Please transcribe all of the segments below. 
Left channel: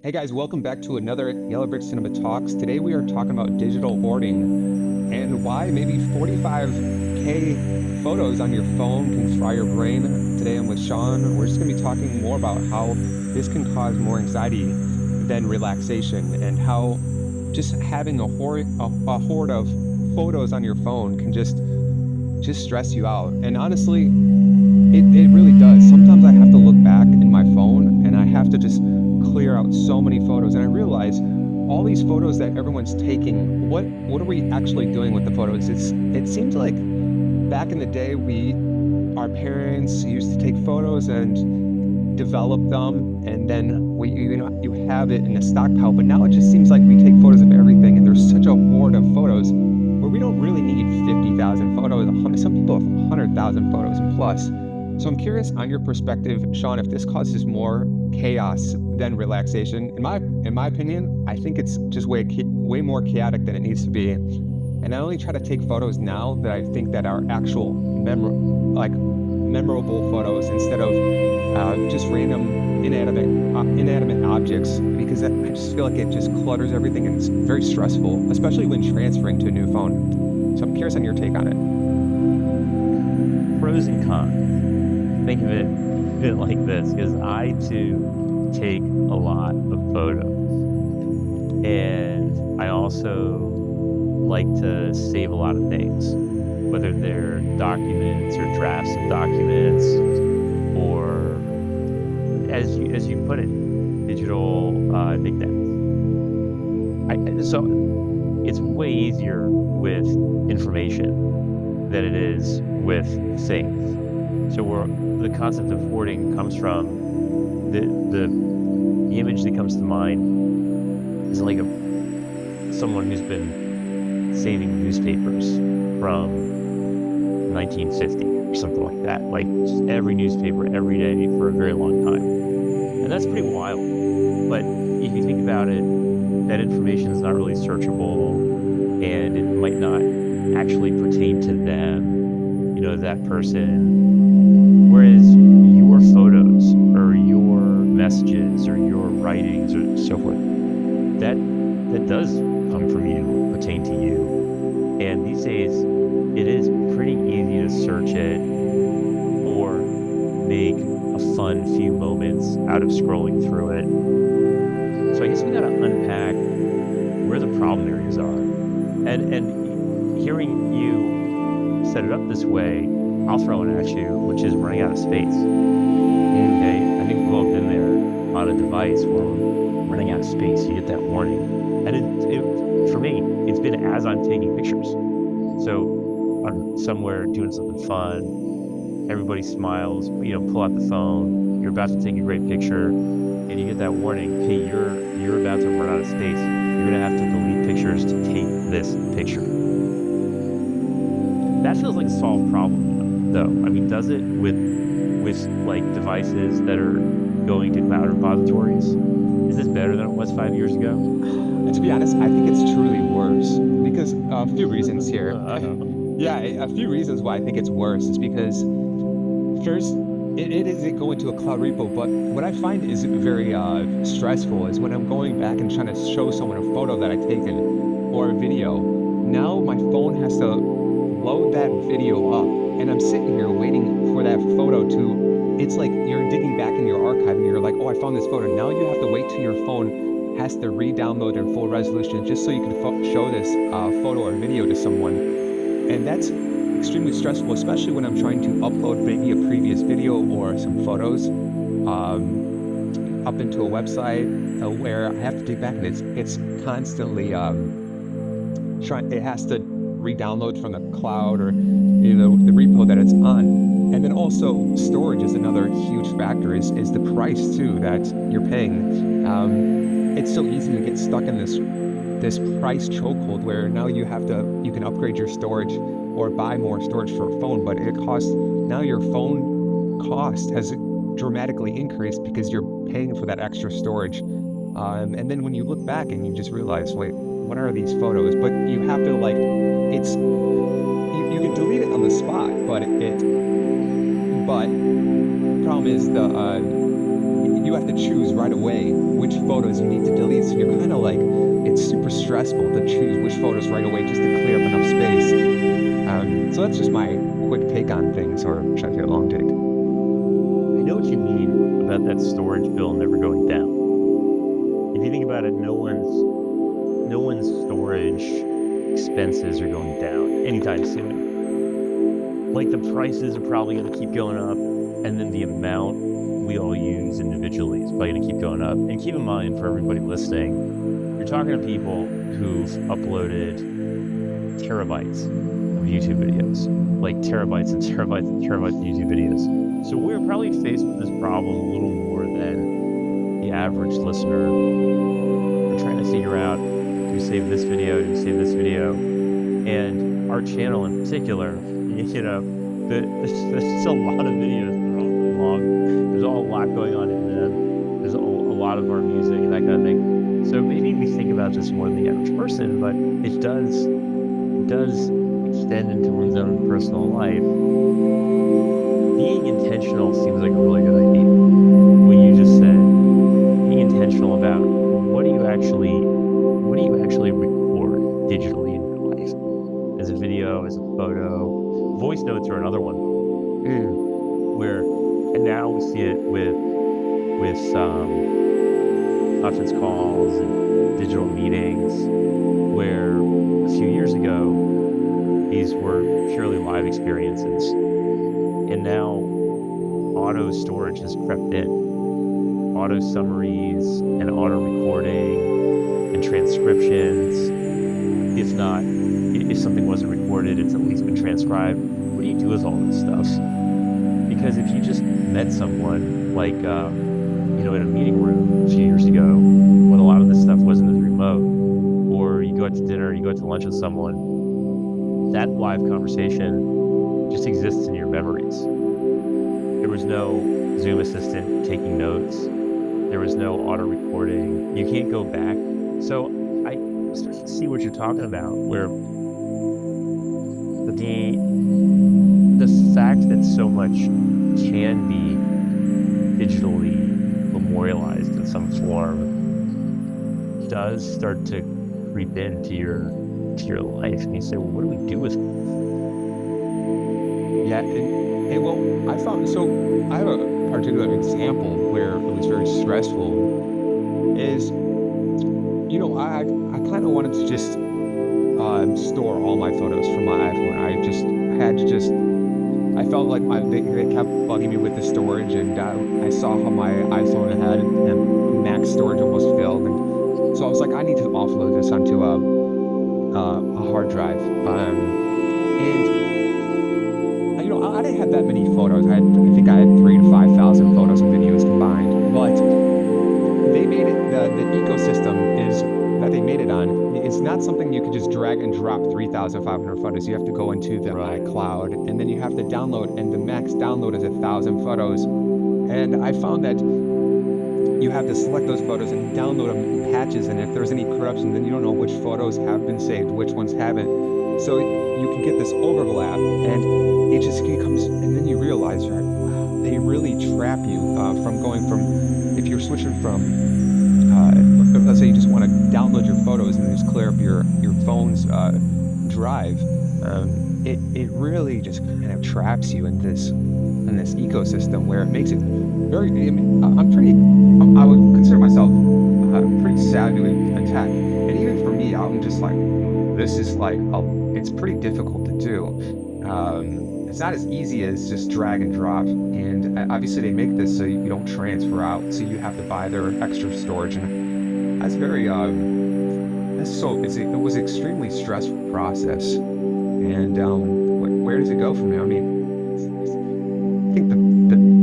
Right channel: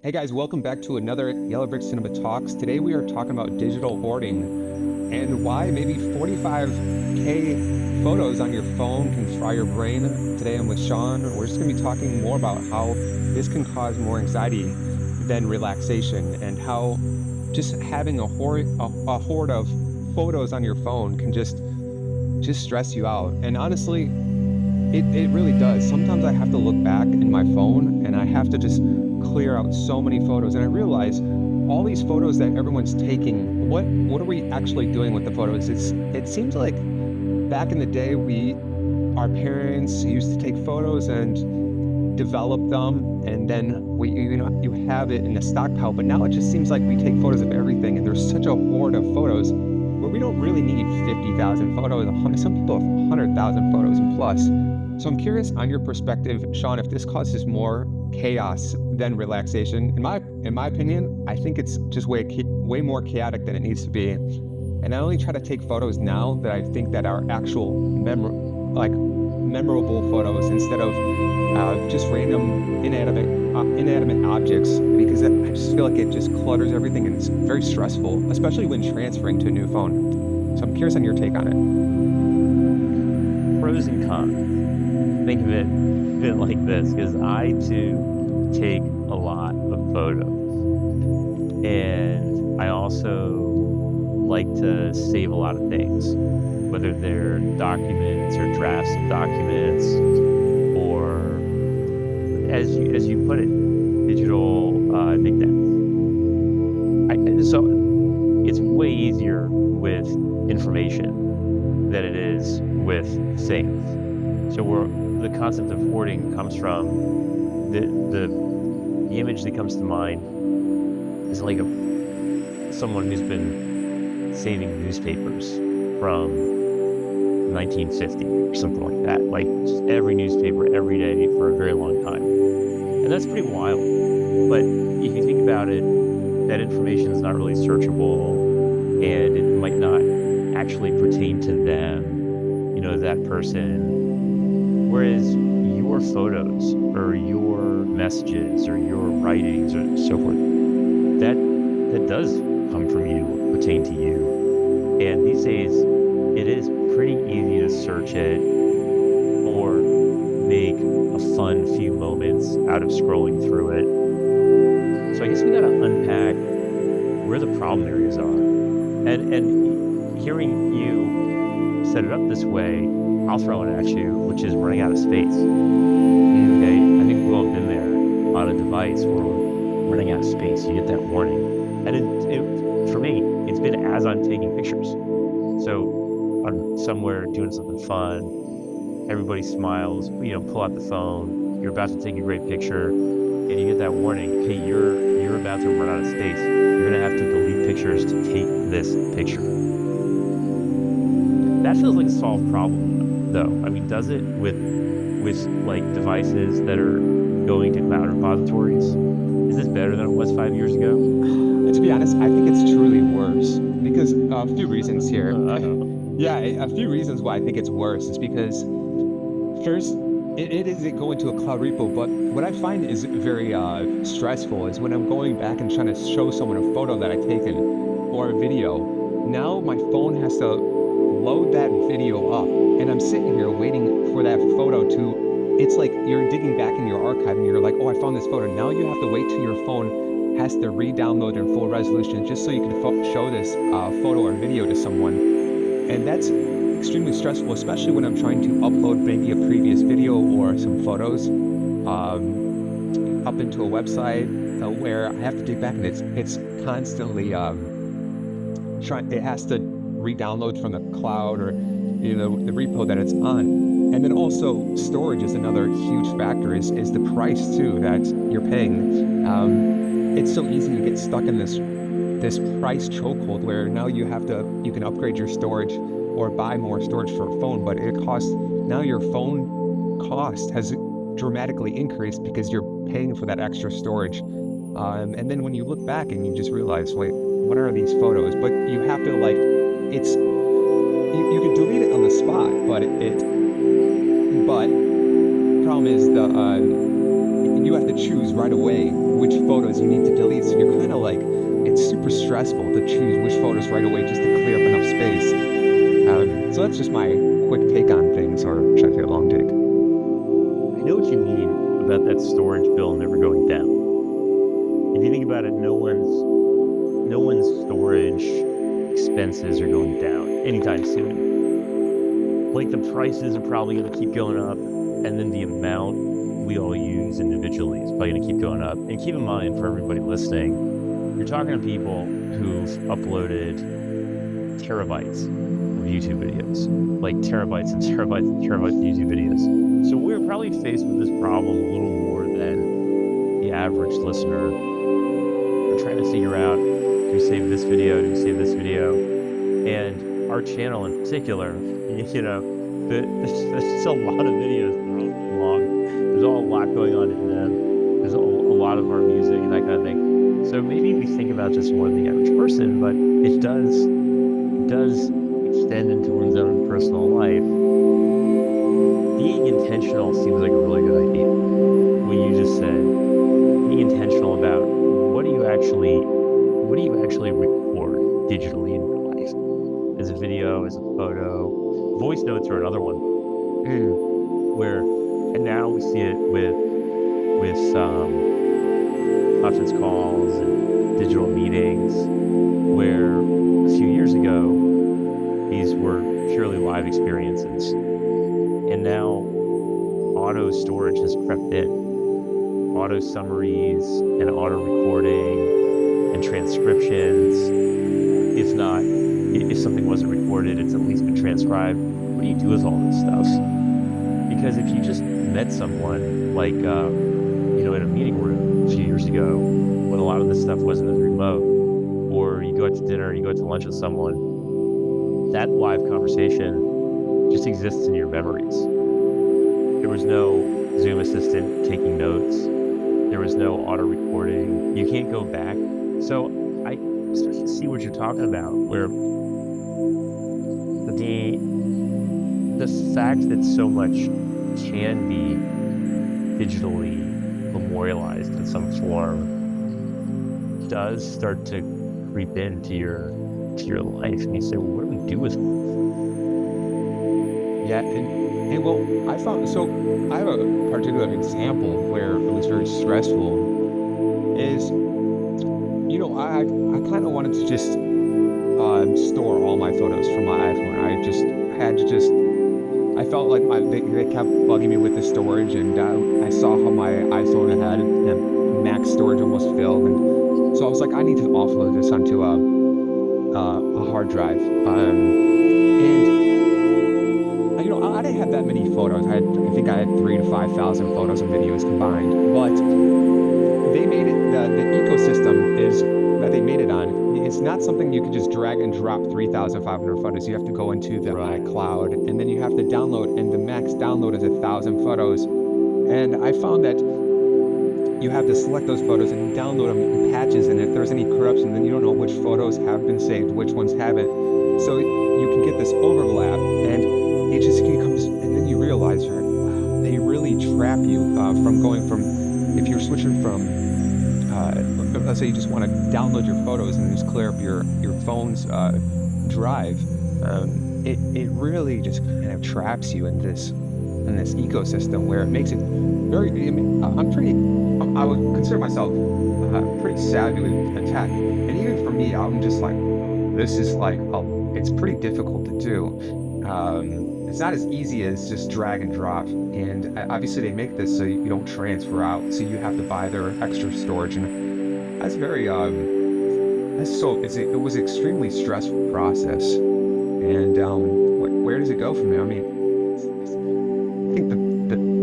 Hey guys, welcome back to another Yellow Brick Cinema Talks. Today we are talking about digital hoarding and why maybe 45K photos on your phone can fry your brain. Today I'm with Sean. We're just going to be talking more about how this can cause more anxiety than relaxation, and how just having a hoard of photos on your phone can just stress you out. And honestly, it really does. Sometimes I have to look back in my phone and I have to just clear out so many photos, and I realize all these photos that everyone's taking, what are we actually doing with the photos? It seems like back in the day, our parents used to take photos and develop them, and then you have it in a stockpile. But now it just seems like we take photos of everything, and there's such a hoard of photos where we don't really need 50,000 photos. Some people have 100,000 photos and plus. So I'm curious on your perspective, Sean, if this causes more chaos than relaxation. In my opinion, I think it's just way more chaotic than it needs to be. And I only try to take photos now that I think that are actual memorable photos, instead of just random inanimate objects, because I just feel like it just clutters everything and it's very stressful, especially when transferring to a new phone. So I'm curious on your take on it. Pros and cons. Think of it like this, because I too take a lot of photos, and I also like to save a lot of things, whether they're documents or drafts of documents, or as you put it, digital knickknacks. So it's way easier with information than it is with things. So the concept of hoarding comes from the image that comes to mind is like someone who's been saving newspapers from 1950 or something like that, like just every newspaper every day for a very long time. And that's pretty wild. But if you think about it, that information is not really searchable, and it might not actually pertain to them, that person. Whereas your photos or your messages or your writings or so forth, that does come from you, pertain to you. And these days, it is pretty easy to search it or make a fun few moments out of scrolling through it. So I guess we got to unpack where the problem areas are. And hearing you set it up this way, I'll throw it at you, which is running out of space. Okay, I think we've all been there on a device where we're running out of space. You get that warning, and it for me, it's been as I'm taking pictures. So I'm somewhere doing something fun, everybody smiles, pull out the phone, you're about to take a great picture, and you get that warning, hey, you're about to run out of space. You're gonna have to delete pictures to take this picture. That feels like a solved problem, though. I mean, does it with like devices that are going to cloud repositories? Is this better than it was 5 years ago? To be honest, I think it's truly worse, because a few reasons here. Yeah, a few reasons why I think it's worse is because first, it isn't going to a cloud repo, but what I find is very stressful is when I'm going back and trying to show someone a photo that I've taken or a video. Now my phone has to load that video up, and I'm sitting here waiting for that photo it's like you're digging back in your archive and you're like, oh, I found this photo. Now you have to wait till your phone has to re-download in full resolution just so you can show this photo or video to someone. And that's extremely stressful, especially when I'm trying to upload maybe a previous video or some photos up into a website where I have to dig back, and it's constantly it has to re-download from the cloud or the repo that it's on. And then also storage is another huge factor, is the price too that you're paying. It's so easy to get stuck in this price chokehold where now you can upgrade your storage or buy more storage for a phone, but now your phone cost has dramatically increased because you're paying for that extra storage. And then when you look back and you just realize, wait, what are these photos? But you have to you can delete it on the spot, but the problem is you have to choose right away which photos you need to delete. So you're kind of like, it's super stressful to choose which photos right away just to clear up enough space. So that's just my quick take on things, or should I say a long take? I know what you mean about that storage bill never going down. If you think about it, no one's storage expenses are going down anytime soon. Like, the prices are probably going to keep going up, and then the amount we all use individually is probably going to keep going up. And keep in mind, for everybody listening, you're talking to people who've uploaded terabytes of YouTube videos, like terabytes and terabytes and terabytes of YouTube videos. So we're probably faced with this problem a little more than the average listener. We're trying to figure out, do we save this video? Do we save this video? And our channel in particular, you know, there's a lot of videos. They're all really long. There's a lot going on in them. There's a lot of our music and that kind of thing. So maybe we think about this more than the average person, but it does extend into one's own personal life. Being intentional seems like a really good idea. What you just said, being intentional about what do you actually record digitally in your life, as a video, as a photo. Voice notes are another one, and now we see it with conference calls and digital meetings, where a few years ago these were purely live experiences, and now auto storage has crept in. Auto summaries and auto recording and transcriptions. If something wasn't recorded, it's at least been transcribed. What do you do with all this stuff? Because if you just met someone, like, in a meeting room a few years ago, when a lot of this stuff wasn't as remote, or you go out to dinner, you go out to lunch with someone, that live conversation just exists in your memories. There was no Zoom assistant taking notes. There was no auto recording. You can't go back. So I start to see what you're talking about, where the fact that so much can be digitally memorialized in some form does start to creep into your life, and you say, well, what do we do with it? Yeah, and well, I have a particular example where it was very stressful. Is, I kind of wanted to just store all my photos from my iPhone. I felt like they kept bugging me with the storage, and I saw how my iPhone had max storage almost filled, and so I was like, I need to offload this onto a hard drive. I didn't have that many photos. I think I had 3,000 to 5,000 photos and videos combined. But they made it, the ecosystem is that they made it on. It's not something you could just drag and drop 3,500 photos. You have to go into the iCloud, and then you have to download, and the max download is 1,000 photos. And I found that you have to select those photos and download them in patches, and if there's any corruption, then you don't know which photos have been saved, which ones haven't. So you can get this overlap, and it just becomes, and then you realize, right, wow, they really trap you from going from, if you're switching from, let's say you just want to download your photos and just clear up your phone's drive, it really just kind of traps you in this ecosystem where it makes it very, I would consider myself pretty savvy with tech, and even for me, I'm just like, this is like, it's pretty difficult to do. It's not as easy as just drag and drop, and obviously they make this so you don't transfer out, so you have to buy their extra storage, and that's very it was an extremely stressful process. And where does it go from there? I mean, I think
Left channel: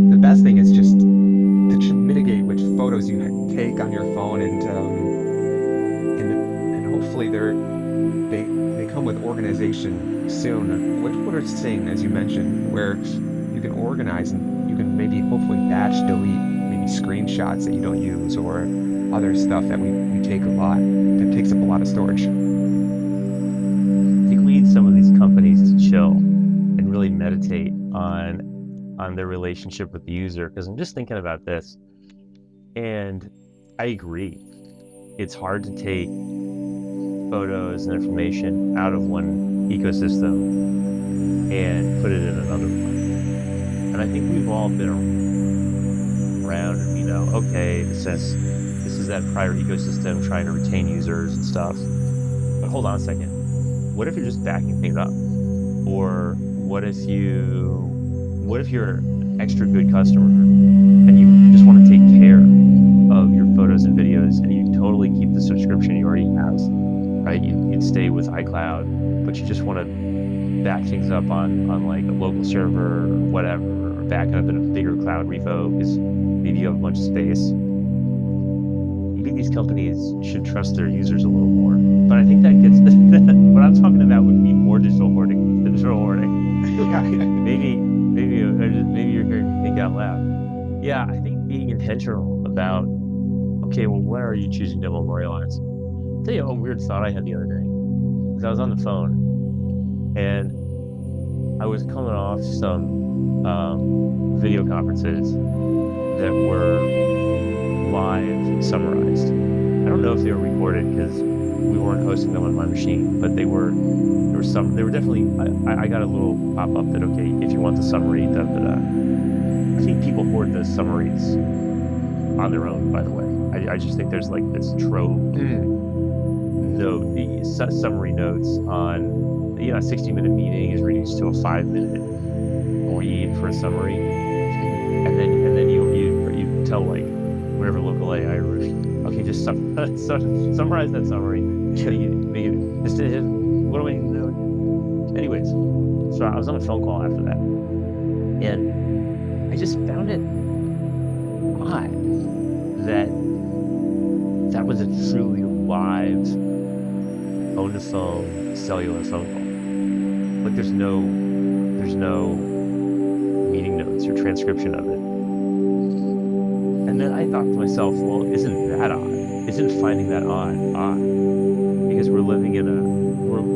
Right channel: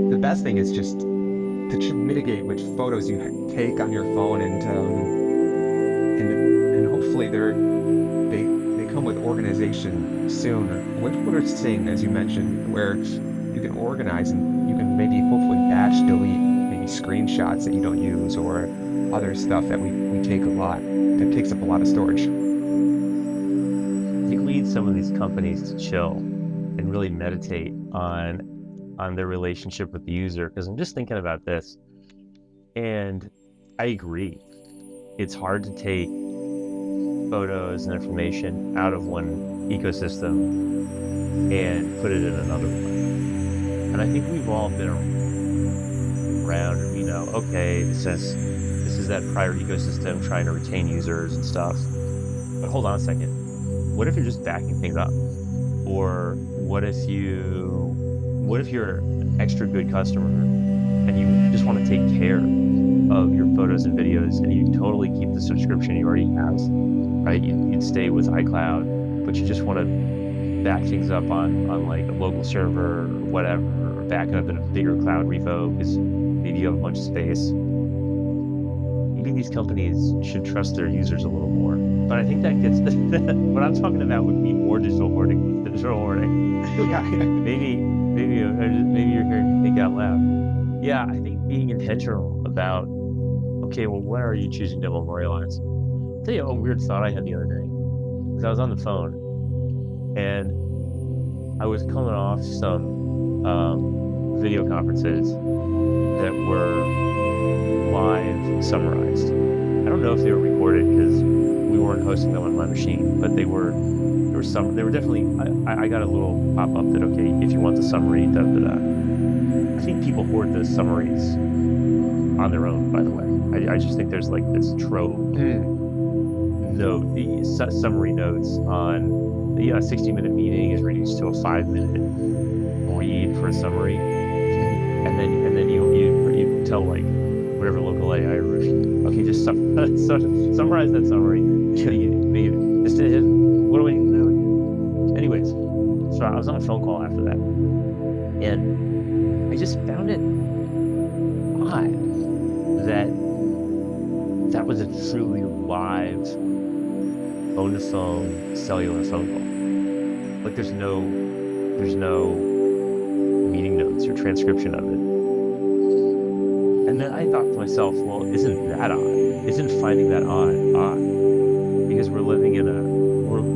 the best thing is just to mitigate which photos you take on your phone, and hopefully they come with organization soon. What are things, as you mentioned, where you can organize and you can maybe hopefully batch delete maybe screenshots that you don't use, or other stuff that we take a lot, that takes up a lot of storage. I think we need some of these companies to chill and really meditate on their relationship with the user, because I'm just thinking about this. And I agree. It's hard to take photos and information out of one ecosystem and put it in another one. And I think we've all been around and we know, okay, this is that prior ecosystem trying to retain users and stuff. But hold on a second. What if you're just backing things up? Or what if you're an extra good customer and you just want to take care of your photos and videos and you totally keep the subscription you already have, right? You'd stay with iCloud, but you just want to back things up on like a local server or whatever, or back it up in a bigger cloud repo because maybe you have a bunch of space. Maybe these companies should trust their users a little more. But I think that gets what I'm talking about would be more digital hoarding than digital hoarding. maybe you're hearing me think out loud. Yeah, I think being intentional about, okay, well, what are you choosing to memorialize? I'll tell you a weird thought I had the other day. Because I was on the phone and I was coming off some video conferences that were live summarized. I don't know if they were recorded because we weren't hosting them on my machine, but they were definitely, I got a little pop-up that, okay, if you want the summary, da da da. I think people hoard those summaries on their own, by the way. I just think there's like this trove summary notes on, a 60-minute meeting is reduced to a 5-minute read for a summary. And then you tell like whatever local AI okay, just summarize that summary. What do I need to know? Anyways, so I was on a phone call after that, and I just found it odd that was a truly live phone-to-phone cellular phone call. Like there's no meeting notes or transcription of it. And then I thought to myself, well, isn't that odd? Isn't finding that odd? Because we're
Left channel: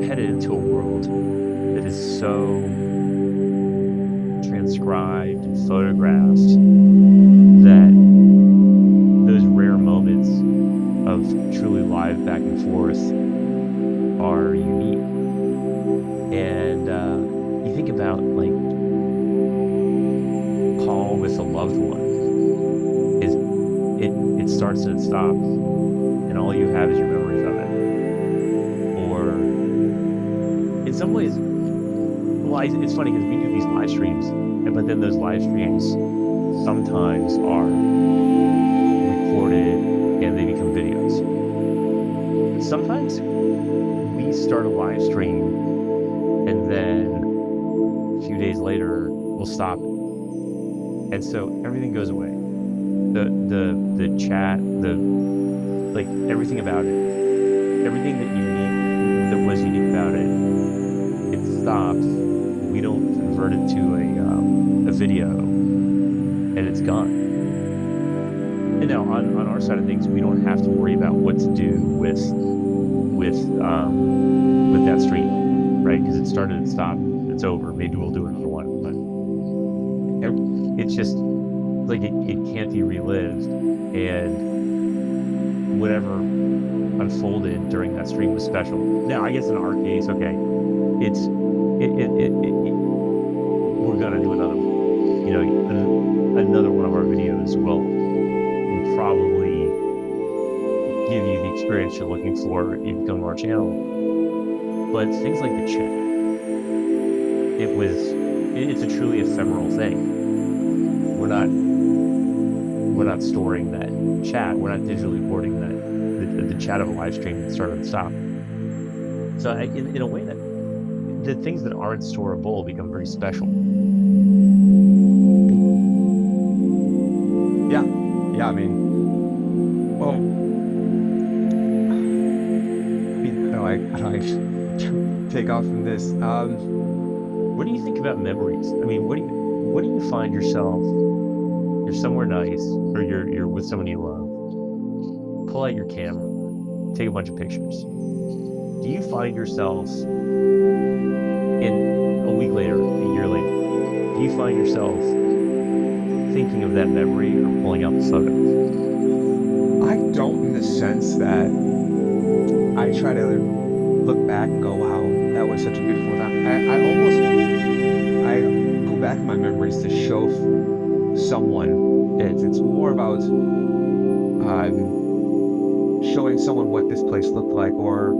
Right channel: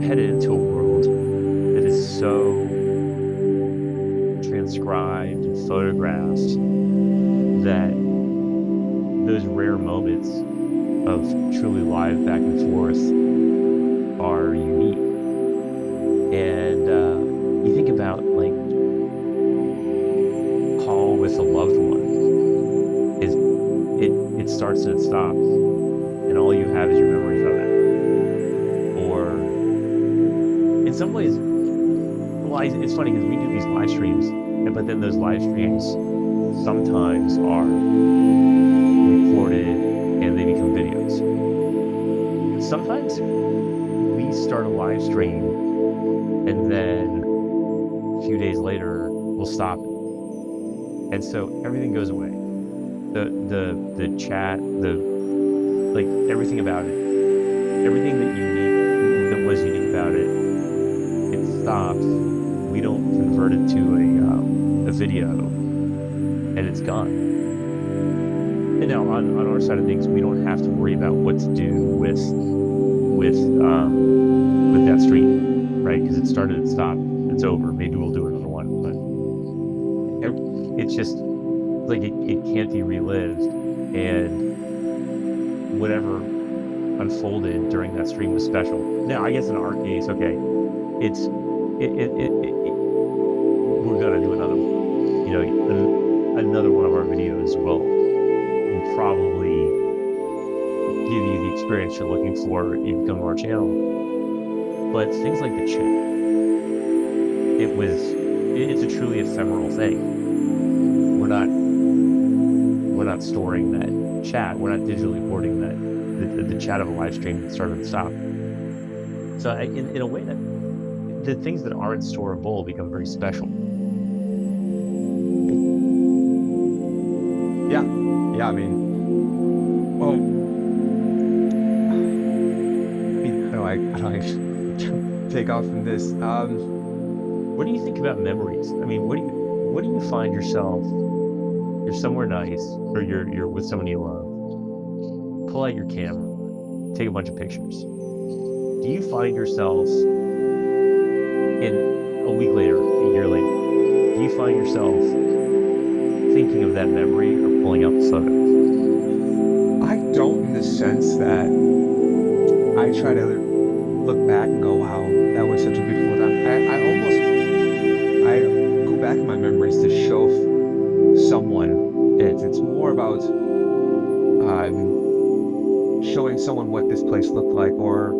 headed into a world that is so transcribed and photographed that those rare moments of truly live back and forth are unique. And you think about like call with a loved one. It starts and it stops, and all you have is your memories of it. Or in some ways, well, it's funny because we do these live streams, but then those live streams sometimes are recorded and they become videos. Sometimes we start a live stream and then a few days later we'll stop it. And so everything goes away. The chat, like everything about it, everything that was unique about it, it stops. We don't convert it to a video, and it's gone. And now on our side of things, we don't have to worry about what to do with that stream, right? Because it started, it stopped, it's over. Maybe we'll do another one, but it's just like it can't be relived, and whatever unfolded during that stream was special. Now, I guess in our case, okay, we're gonna do another one. Another one of our videos will probably give you the experience you're looking for if you come to our channel. But things like the chat, it's a truly ephemeral thing. We're not storing that chat. We're not digitally hoarding the chat of a live stream that started and stopped. So in a way, that the things that aren't storable become very special. Yeah. I mean, how do I take off from this? What do you think about memories? I mean, what do you find yourself? You're somewhere nice, or you're with someone you love. Pull out your camera, take a bunch of pictures. Do you find yourself in a week later, a year later? Do you find yourself thinking of that memory or pulling out the photo? the sense that I try to look back and go, wow, that was such a beautiful time. I go back in my memories to show someone it. It's more about showing someone what this place looked like, or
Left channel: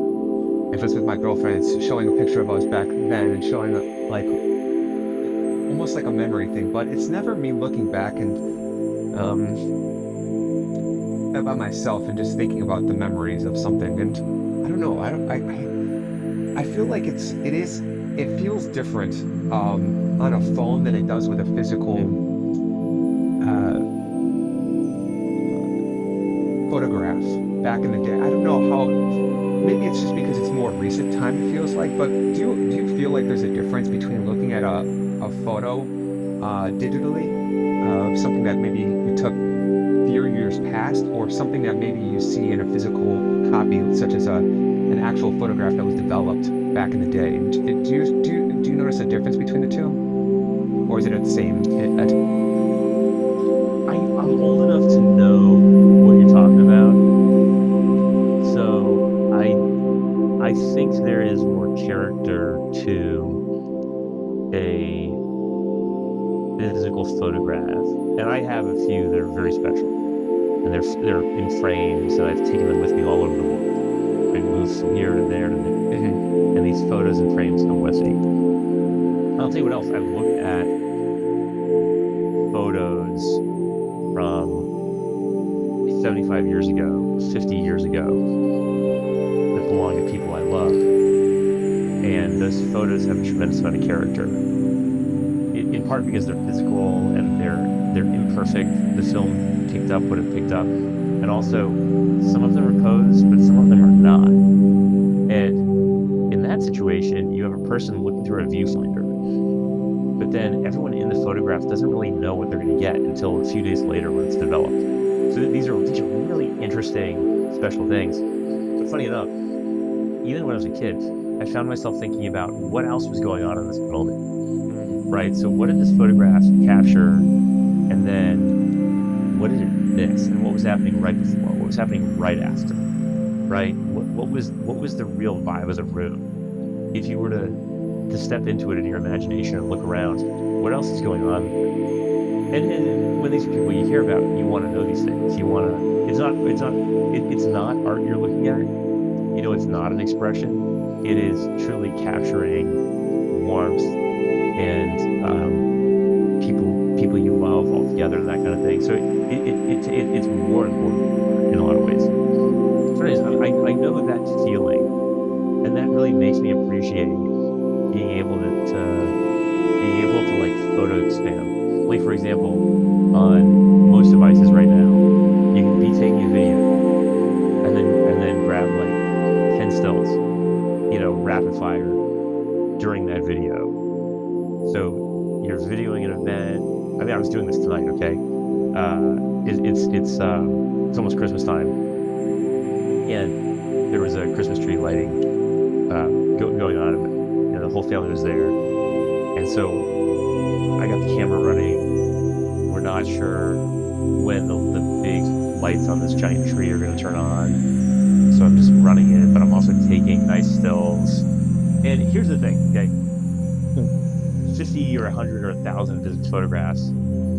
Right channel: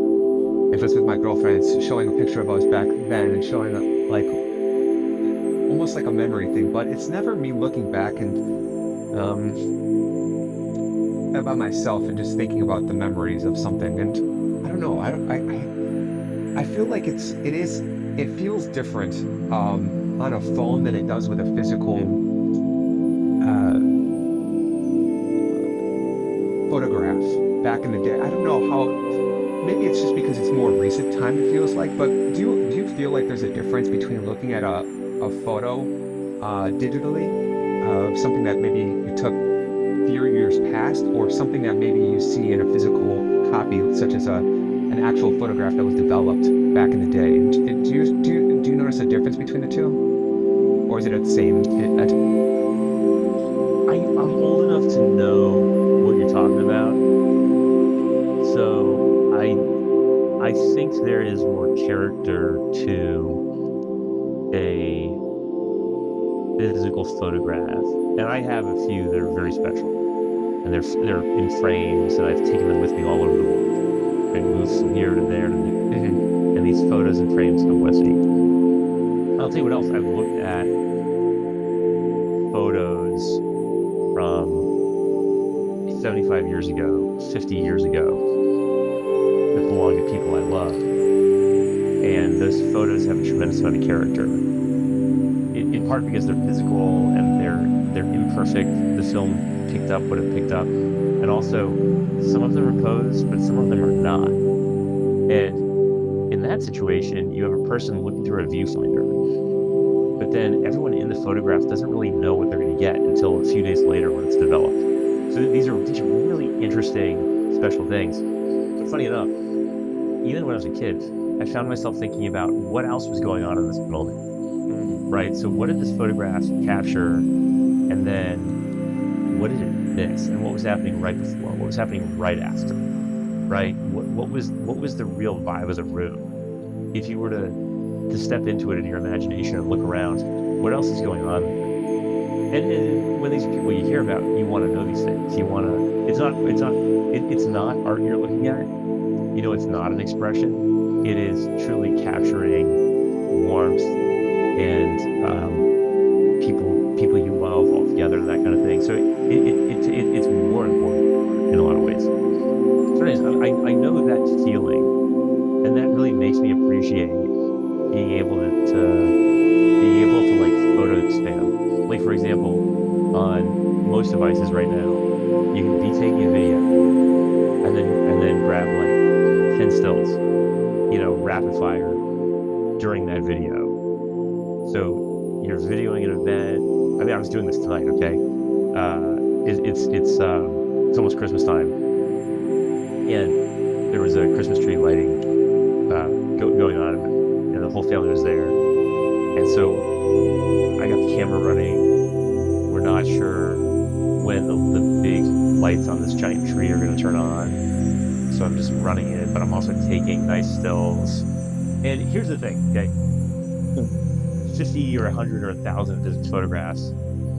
if it's with my girlfriend, it's showing a picture of us back then and showing like almost like a memory thing. But it's never me looking back and about myself and just thinking about the memories of something. And I don't know. I feel like it feels different on a phone than it does with a physical photograph back in the day. I don't know how. Maybe it's just because it's more recent time. It feels like. But do you feel like there's a difference between looking at a photo digitally of something that maybe you took few years past, or something that maybe you see in a physical copy, such as an actual photograph that was developed back in the day? Do you notice a difference between the two, or is it the same? I'm old enough to know what you're talking about, so I think there is more character to a physical photograph, and I have a few that are very special, and they're in frames, and I've taken them with me all over the world. I move from here to there to there, and these photos and frames come with me. I'll tell you what else. I've looked at photos from 75 years ago, 50 years ago, that belong to people I love, and those photos have a tremendous amount of character. In part because they're physical and they're imperfect. The film picked up what it picked up, and also some of them are posed, but some of them are not. And in that situation, you have a person looking through a viewfinder, but then everyone in the photograph doesn't really know what they're going to get until a few days later when it's developed. So these are really interesting, special things. But funny enough, even when I was a kid, I found myself thinking about what else was going on in this moment. Right? So what did this photograph capture, and then what did it miss, and what was happening right before, what was happening right after, right? What was the real vibe of the room? If you were to step into it in your imagination and look around, what else is going on there? And when these are people you hear about, you want to know these things. You want to. It's not art you're looking at. You know, it's not an expression. It is truly capturing warmth and people you love all together, that kind of thing. So it's more important in a lot of ways. So anyways, I know that feeling, and that really makes me appreciate being able to like photo expand. Like, for example, on most devices right now, you can be taking a video and then grab like 10 stills, rapid fire during that video. So you're videoing an event. I mean, I was doing this tonight. Okay, it's almost Christmas time, and there was a Christmas tree lighting going on, and the whole family was there. And so I got the camera running. We're not sure when the big lights on this giant tree are going to turn on, so I'm just running it, but I'm also taking nice stills. And here's the thing, okay? 50 or 100 or 1,000 physics photographs,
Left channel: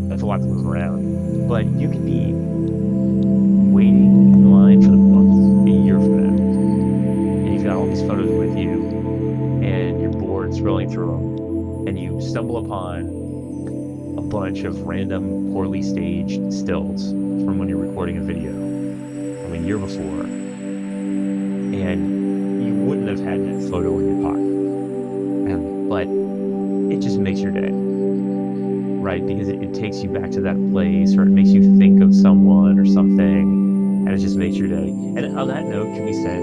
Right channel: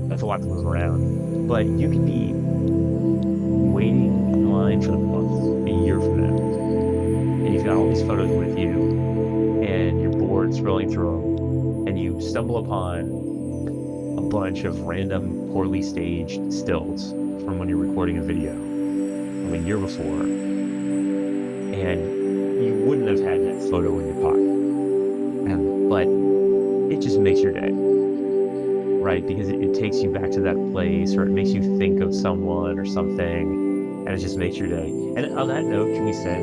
that's a lot to move around. But you could be waiting in line for the bus a year from now, and you've got all these photos with you, and you're bored scrolling through them, and you stumble upon a bunch of random, poorly staged stills from when you're recording a video from a year before, and you wouldn't have had that photo in your pocket. But it just makes your day, right? Because it takes you back to that place, or it makes you think of someone or something, and it just makes your day. And on that note, can we say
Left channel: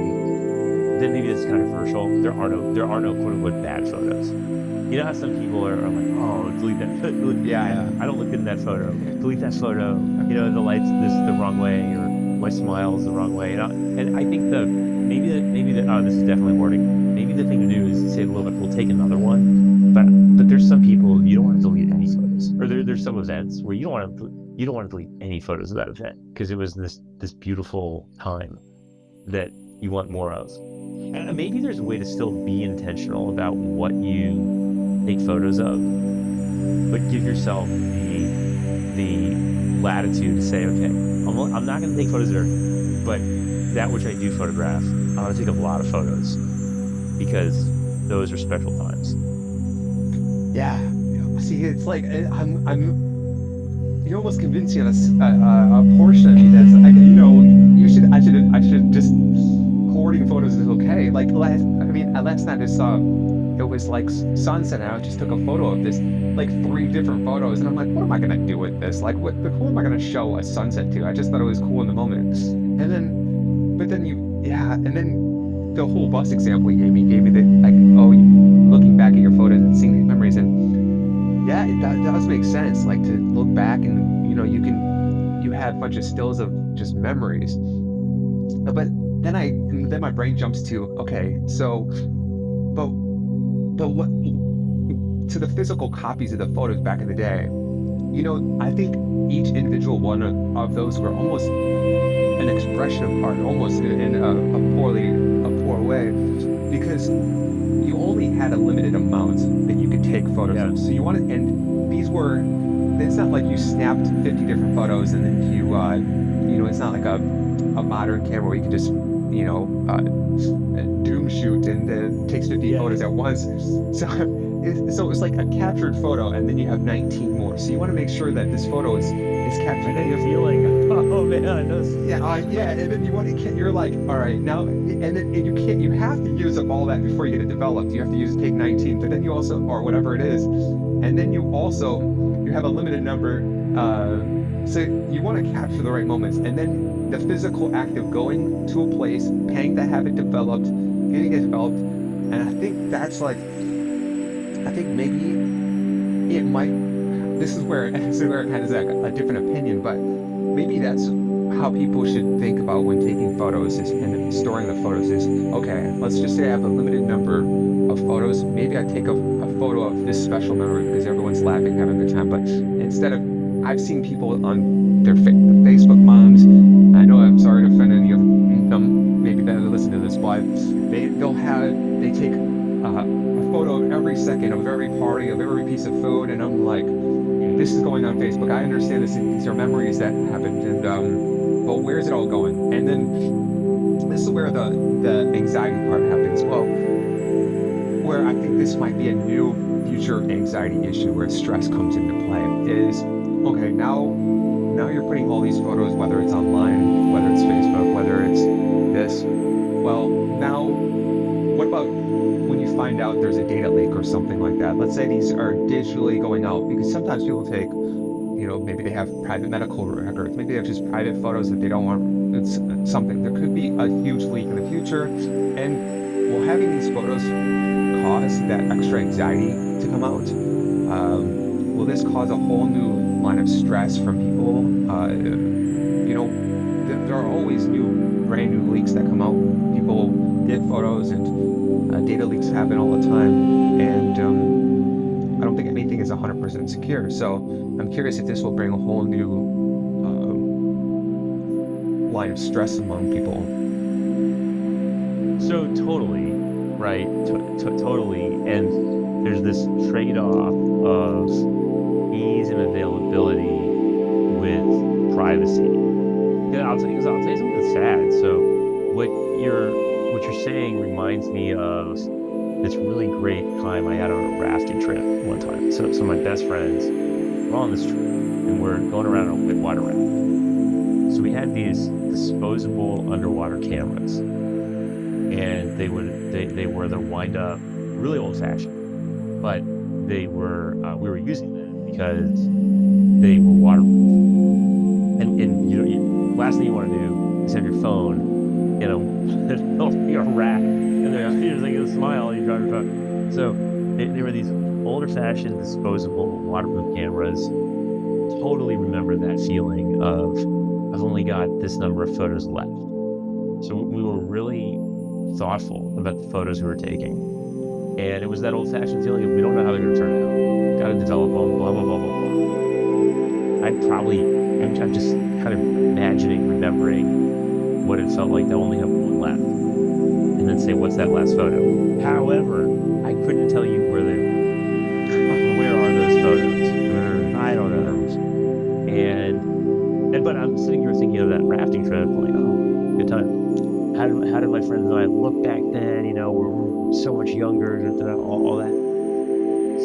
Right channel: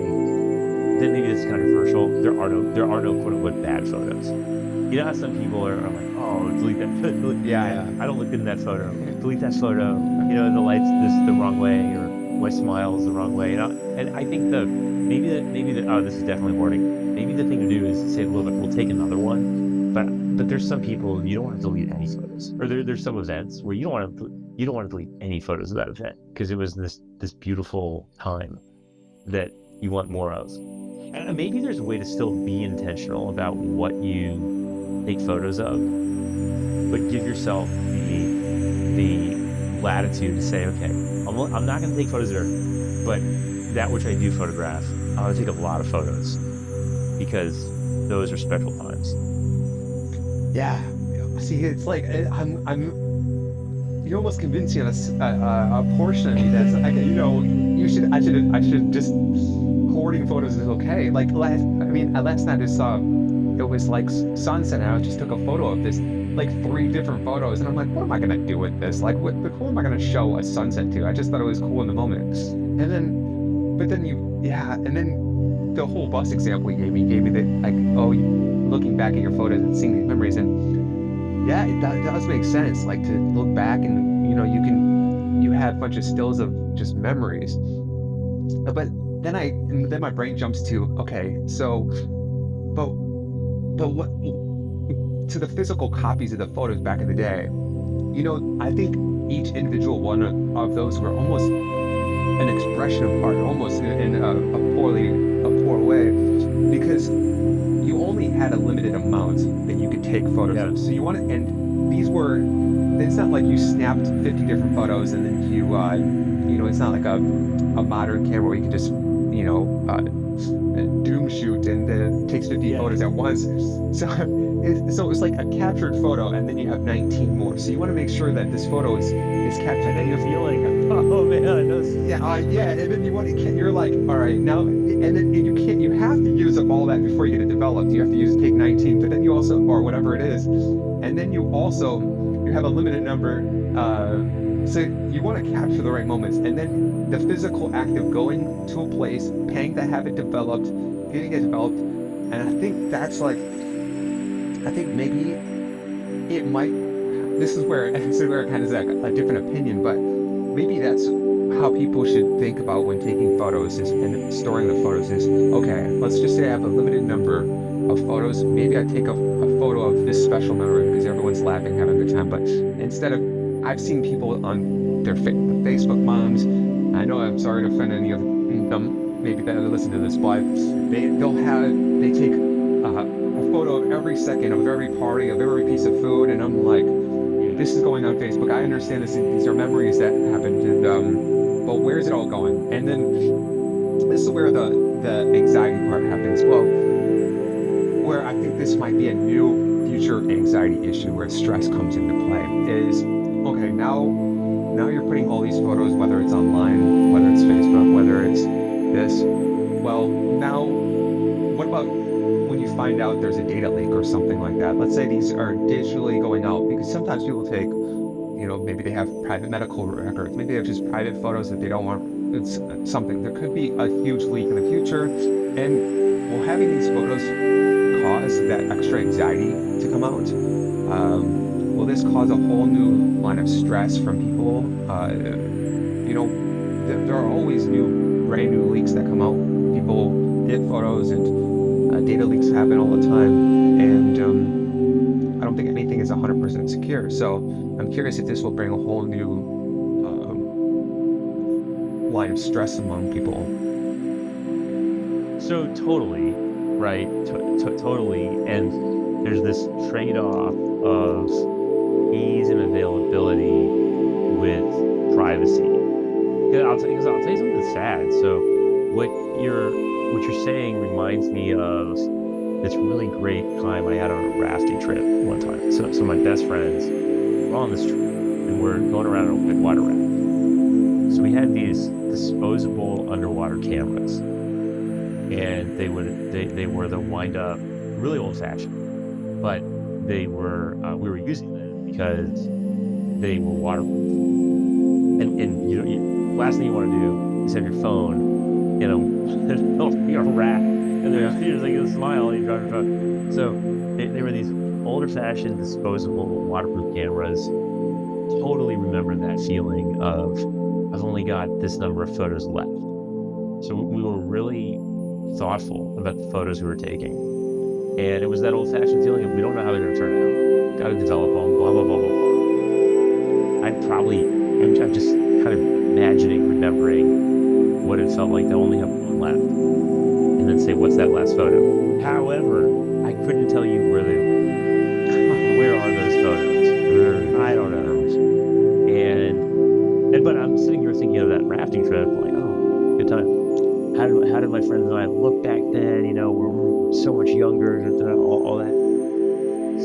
that maybe it's controversial? There are no quote unquote bad photos. You know how some people are like, oh, delete that photo. Yeah. I don't look good in that photo. Delete that photo. The light's the wrong way, or my smile's the wrong way. And I think maybe that this is definitely hoarding. Maybe the thing to do is say, look, we'll take another one, but but there's some people you don't want to delete any photos, or there's some events where you don't want to delete any photos of that event because it was this beautiful time that you want more of. And maybe there's a way to still be intentional about what you take photos of, but give yourself the latitude to say, okay, I'm not going to take photos there, but that which I do photograph, I'm going to take a lot of photos because those are special times. Yeah. See, it's like you almost convince me on a portion of me that's like, I should just hoarding photos is okay. Like last night I saw it was like sunset, and I just took a photo of this, like 3 different photos, and I'm like, what am I gonna do with this? Like, who am I gonna show a sunset to? I just thought it was cool in the moment, and then the whole bus example you gave me the like, oh, looking back at your photos and seeing these memories, and yeah, it does make sense. Like to look back and you have a bunch of stills of just memories, but then my brain jumps to, okay, so but what to the physical copies of the photos back in the day, I think each individual one of those were almost an expression of art, almost in a poor way, because you only had a limited amount that you could take photos of. So it's not like you snapped 50 different photos and then it's not like a modern camera where you can just, doom shoot and takes 50 photos at once. So it was like a captured photo, and then you have 19 more. So you want to make sure that this photo is captured. And then you're feeling, oh man, I know. Yeah, and then you're like, all right, now, and then you have to use up all that before you get it developed. You have to take 19, but then you also, or whatever it is, and then you have a limited number. So you want to capture the right moments, and then the physical act of going to a place, paying to have it developed, getting it developed, and I think maybe it might. This is where it kind of is like a different opinion, but maybe that's how people should think about when taking photos and storing the photos is, okay, let's just say I have a limited number of photos. Maybe I take a photo of this special memory because everyone's laughing, having a good time, but instead of, I've seen people on their the Facebook moms, I know I'm sorry to offend any of them, maybe that listen to this, but they take a photo of every second of every party, of every piece of food, and I'm like, this is going on Facebook. I understand these are memories that happened, and but where's it all going? And then this is where the anxiety part happens. Well, where I think this might be a new future anxiety issue where stress comes into play is, okay, now you're putting all these photos, whether it's online, whether it's Facebook, whether it's this. Well, now what about when you find out there's a data leak or something like that? Let's say these are digitally going out, because sometimes people take, maybe they have private medical records, maybe they have just private photos that they don't want. It's something. There could be a huge leak in the future, and will having these photos cause that extra anxiety to come out? Will this cause a whole new line of stress from people? There are always brand new leaks that come out. People get photos, and data leaks happen all the time, and I don't think anything is 100% secure. So I'm curious if this will bring a whole new line of stress among people. So totally, right? Totally, and there's this trade-off of ease and availability with privacy. I'll tell you something sad. So what you're saying reminds me of this really great time I had on a rafting trip one time. So my best friends were on this trip, and we're going around on a whitewater raft. So we had these disposable underwater cameras, and they were the wind-up, really old-fashioned, but we were using them because they were waterproof. And last thing you want to do is have your phone in a rack, and there's like a smile and you drive your truck. So they were these older-fashioned disposable waterproof cameras. Totally remember that feeling of, I've only got this number of photos left. So we were really thoughtful about the photos we were taking. And it was that old-fashioned feeling of we don't know how they're going to turn out. Got to develop them, blah, blah, blah, blah, blah. I'm just kind of imagining, remembering what it felt like to only have one left. And then say, what's that last photo? However, I couldn't tell you where they were. Where are those photos? I don't know. But I'm sitting here thinking of that rafting trip, like, oh, good time. How did my friends and I look back then? You know, we're so much younger, all that.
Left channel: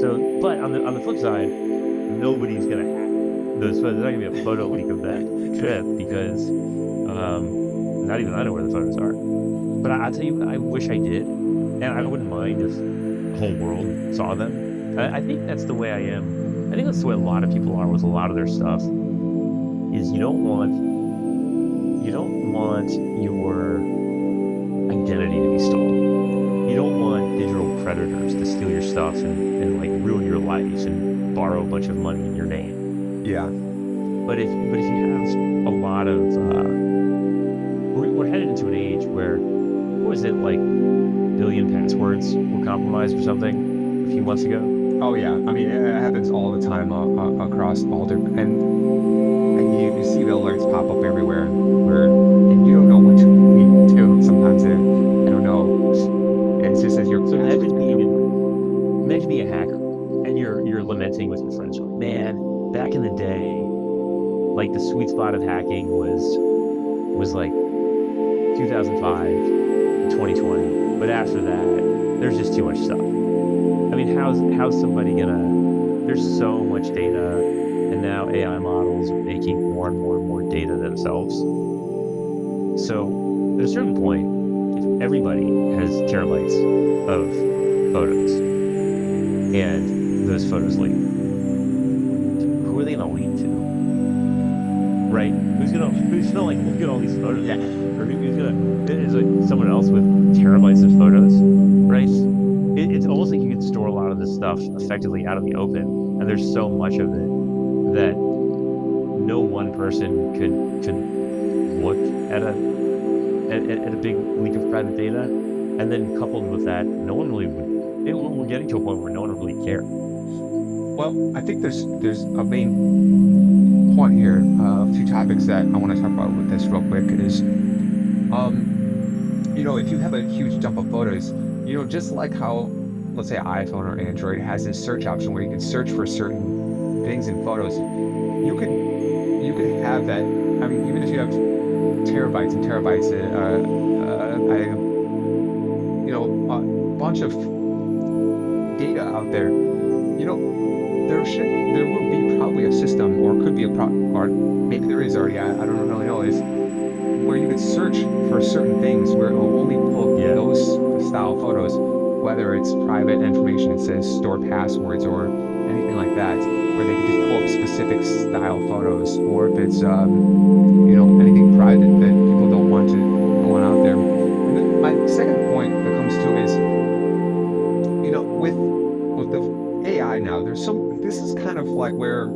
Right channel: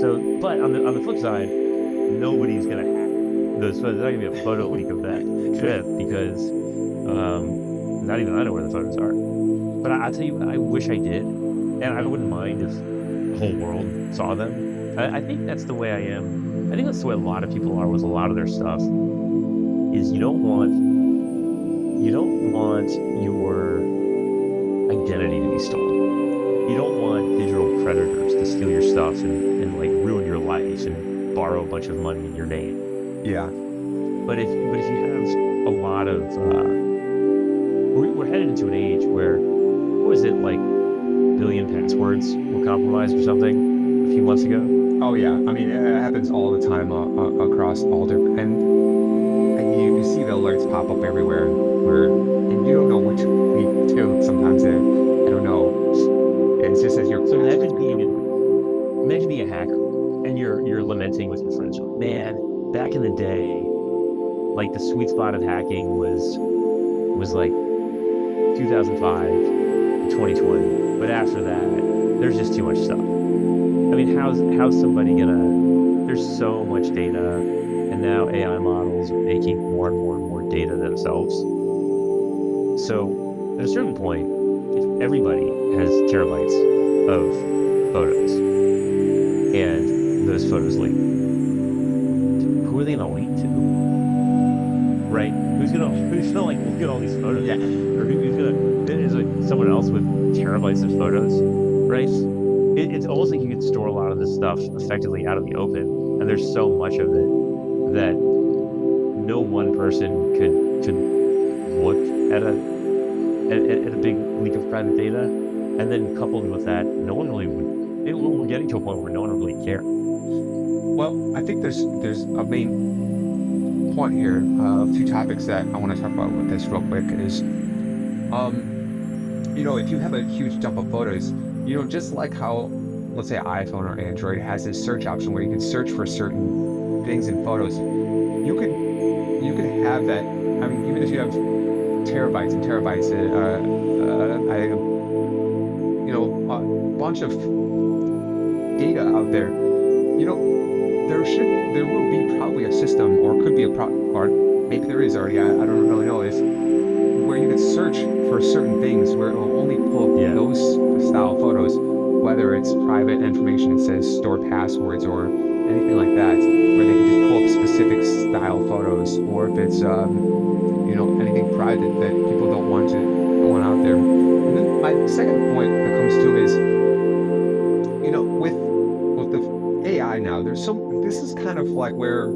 So, but on the flip side, nobody's gonna have those photos. There's not gonna be a photo leak of that trip because not even I know where the photos are. But I'll tell you what, I wish I did, and I wouldn't mind if the whole world saw them. I think that's the way I am. I think that's the way a lot of people are with a lot of their stuff. Is you don't want your identity to be stolen. You don't want digital predators to steal your stuff and like ruin your life and borrow a bunch of money in your name. Yeah. But if you have a lot of we're headed into an age where, what was it, like billion passwords were compromised or something a few months ago? Oh yeah. I mean, it happens all the time across all different, and you see the alerts pop up everywhere, and you don't know what to do. Sometimes I don't know. It's just as you're. So imagine being a hacker, and you're lamenting with your friends. You're like, man, back in the day, like the sweet spot of hacking was like 2005 to 2020. But after that, there's just too much stuff. I mean, how's somebody gonna? There's so much data, and now AI models are making more and more and more data themselves. So at a certain point, if everybody has terabytes of photos and those photos leak, who are they gonna leak to? Right? Who's gonna like look at all these photos? Yeah. Or who's gonna? Is it someone else with terabytes of photos? Right? It's almost like you could store a lot of this stuff effectively out in the open, and there's so much of it that no one person could look at a big leak of private data, and then coupled with that, no one really would. We're getting to a point where no one would really care. Well, I think there's a main point here. A few topics that I want to talk about with this real quick is, if you have a huge dump of photos, just like how, let's say, iPhone or Android has this search option where you can search for certain things in photos, you could have that. I mean, even if you have terabytes and terabytes, a bunch of data out there, there will be probably a system, or could be or maybe there is already. I don't really know, is where you could search for certain things where it will only pull those style photos, whether it's private information, it says store passwords or anything like that, where they can just pull up specific style photos, or if it's anything private that people don't want out there. And then my second point that comes to is, with the AI now, this is kind of like where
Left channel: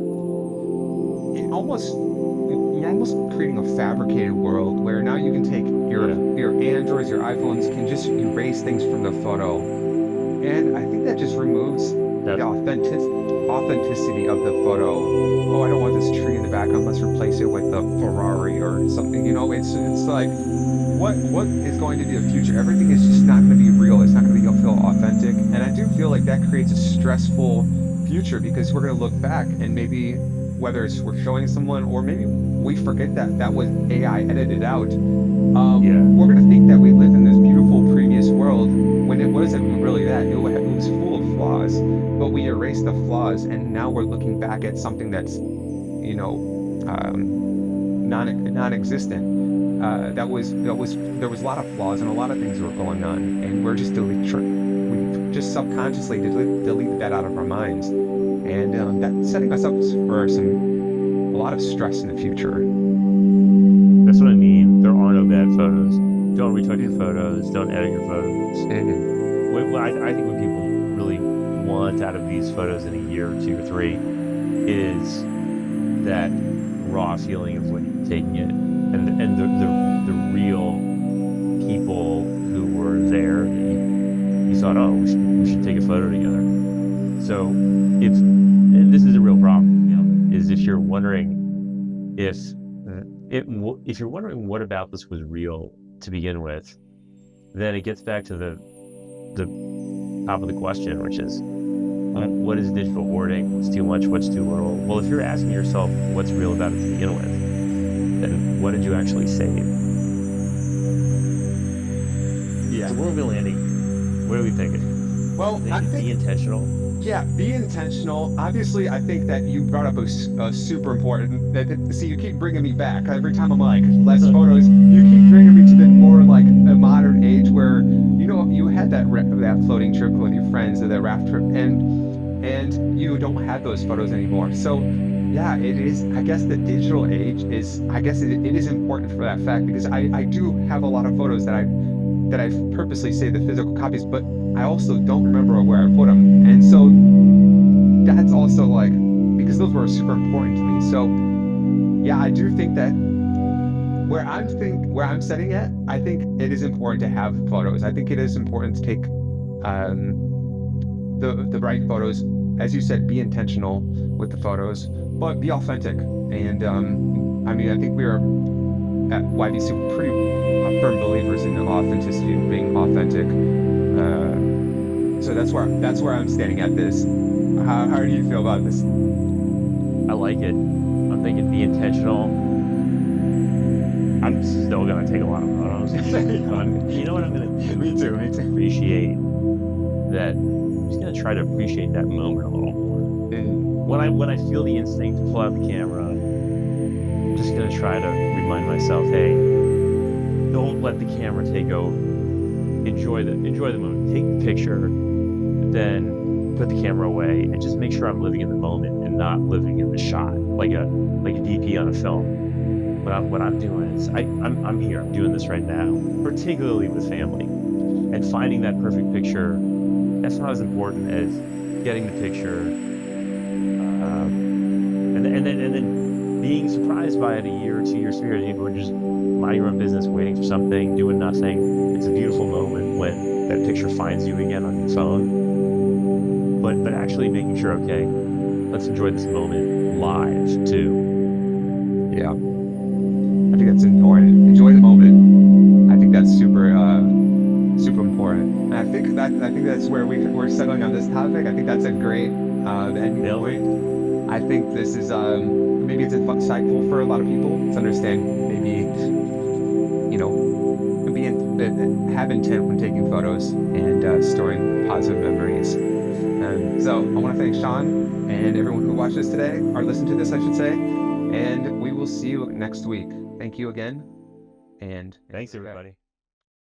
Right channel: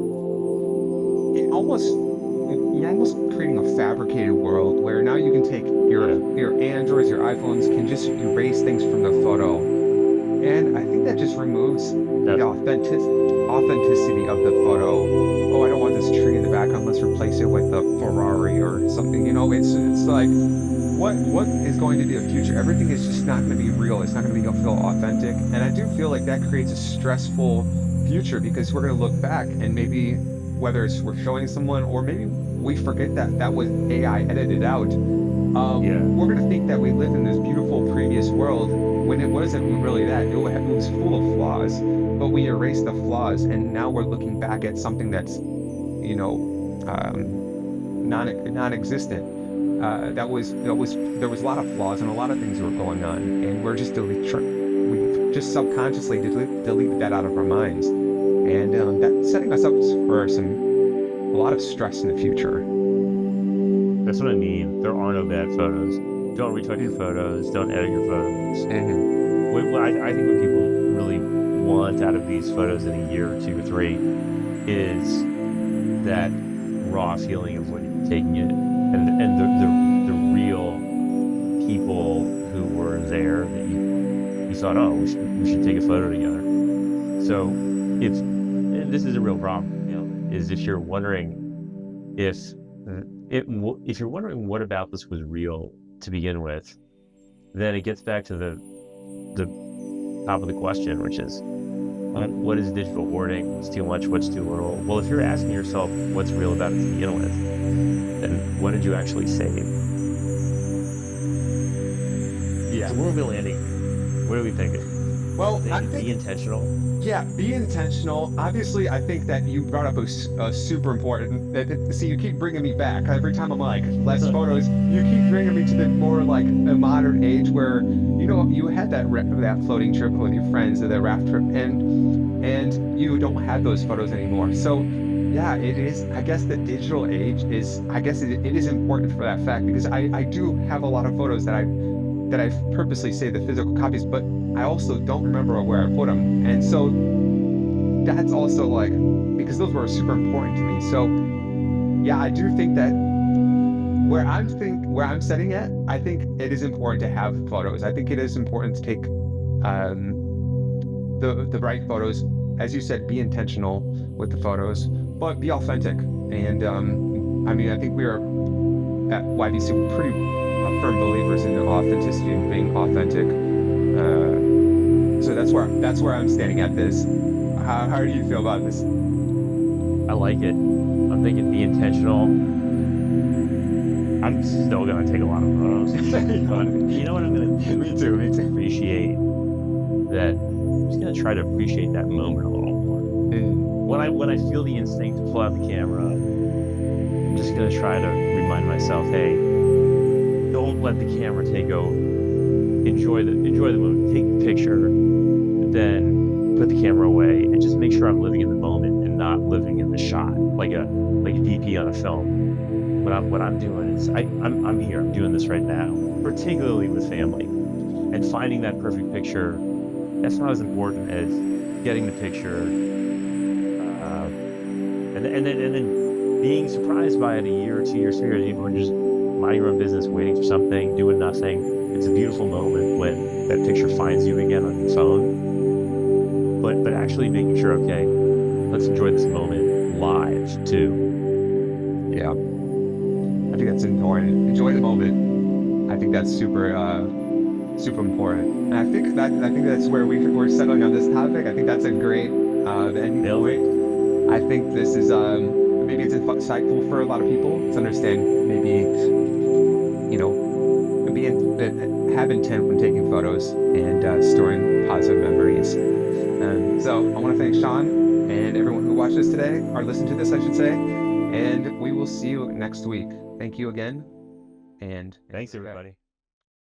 you're almost creating a fabricated world where now you can take your Androids, your iPhones can just erase things from the photo, and I think that just removes the authenticity of the photo. Oh, I don't want this tree in the background, let's replace it with a Ferrari or something. It's like, what is going to be the future? Everything is just not going to be real. It's not going to feel authentic, and I do feel like that creates a stressful future, because we're going to look back and maybe, whether it's we're showing someone or maybe we forget that was AI edited out, we're going to think that we lived in this beautiful previous world when it wasn't really that. It was full of flaws, but we erased the flaws, and now we're looking back at something that's non-existent. There was a lot of flaws and a lot of things were going on, and we're just we just subconsciously deleted that out of our minds, and that's setting us up for a lot of stress in the future. That's what I mean. There are no bad photos. Don't retouch your photos. Don't edit your photos. And I think what people really want out of these photos in a year or 2 or 3 is that raw feeling of when you're taking it, and the real people who were there that you thought, oh, we should take a photo together. So if and this is a real problem, is if you're wondering if if you're wondering what about this was real to begin with, then it gets back to the top of the question, which is what is digital hoarding? What's too much? What's too little? Well, if you're asking yourself what's real about it to begin with, then what did you actually save? Yeah. So where are we landing here? What are we thinking? Well, I Be think, intentional. yeah, be intentional. Obviously, I think that you brought up a super important. See, you keep bringing me back every time I'm like less photos. You keep bringing me to the more like a modern age where you had that floating trip with your friends or the raft trip, and you don't have those photos anymore. So yeah, it is. I guess the digital age is. I guess it is important for that fact because I do have a lot of photos that I purposely saved the physical copies, but I also don't remember where I put them. And so that's also like, because those were super important to me. So yeah, I do think that where I'm setting it, I think it is important to have photos. I think it is important to take the right photos. As you said, be intentional with the photos, but be authentic. And I mean, I think we are at YBC pretty firm believers in authenticity and being authentic. So that's where I'm standing at this. How do you feel about this? I like it. I'm thinking be intentional. I'm still gonna take a lot of photos. You know what I'm gonna do? Me too. Appreciate that. I'm just gonna try to appreciate that moment a little more. When I feel the instinct to pull out the camera, I'm just gonna try to remind myself, hey, don't let the camera take over. Enjoy the moment. Take the picture, then put the camera away, and just make sure I'm living in the moment and not living in the shot like a DP on a film. What I'm doing is I'm here. I'm doing this right now, particularly with family, and finding that perfect picture. That's not as important as getting the picture, and then being surprised by it a year or 2 years, 3 years, even when just minding your own business, waiting for something, doing nothing. It's a beautiful moment when that picture finds you again on your phone. But actually making sure, okay, let's enjoy this moment live too. Yeah, I think that's important. Enjoy the moment. I think that's super important. And I think that's where we're settling on this topic. I think that's a great ending point. I think this is maybe it's insightful for a lot of people to understand maybe have intent when taking photos and storing positive memories. So I want to thank Sean and everyone who watched this today, or listened to this, I should say. And we will see you next week. Thank you again. And thanks everybody.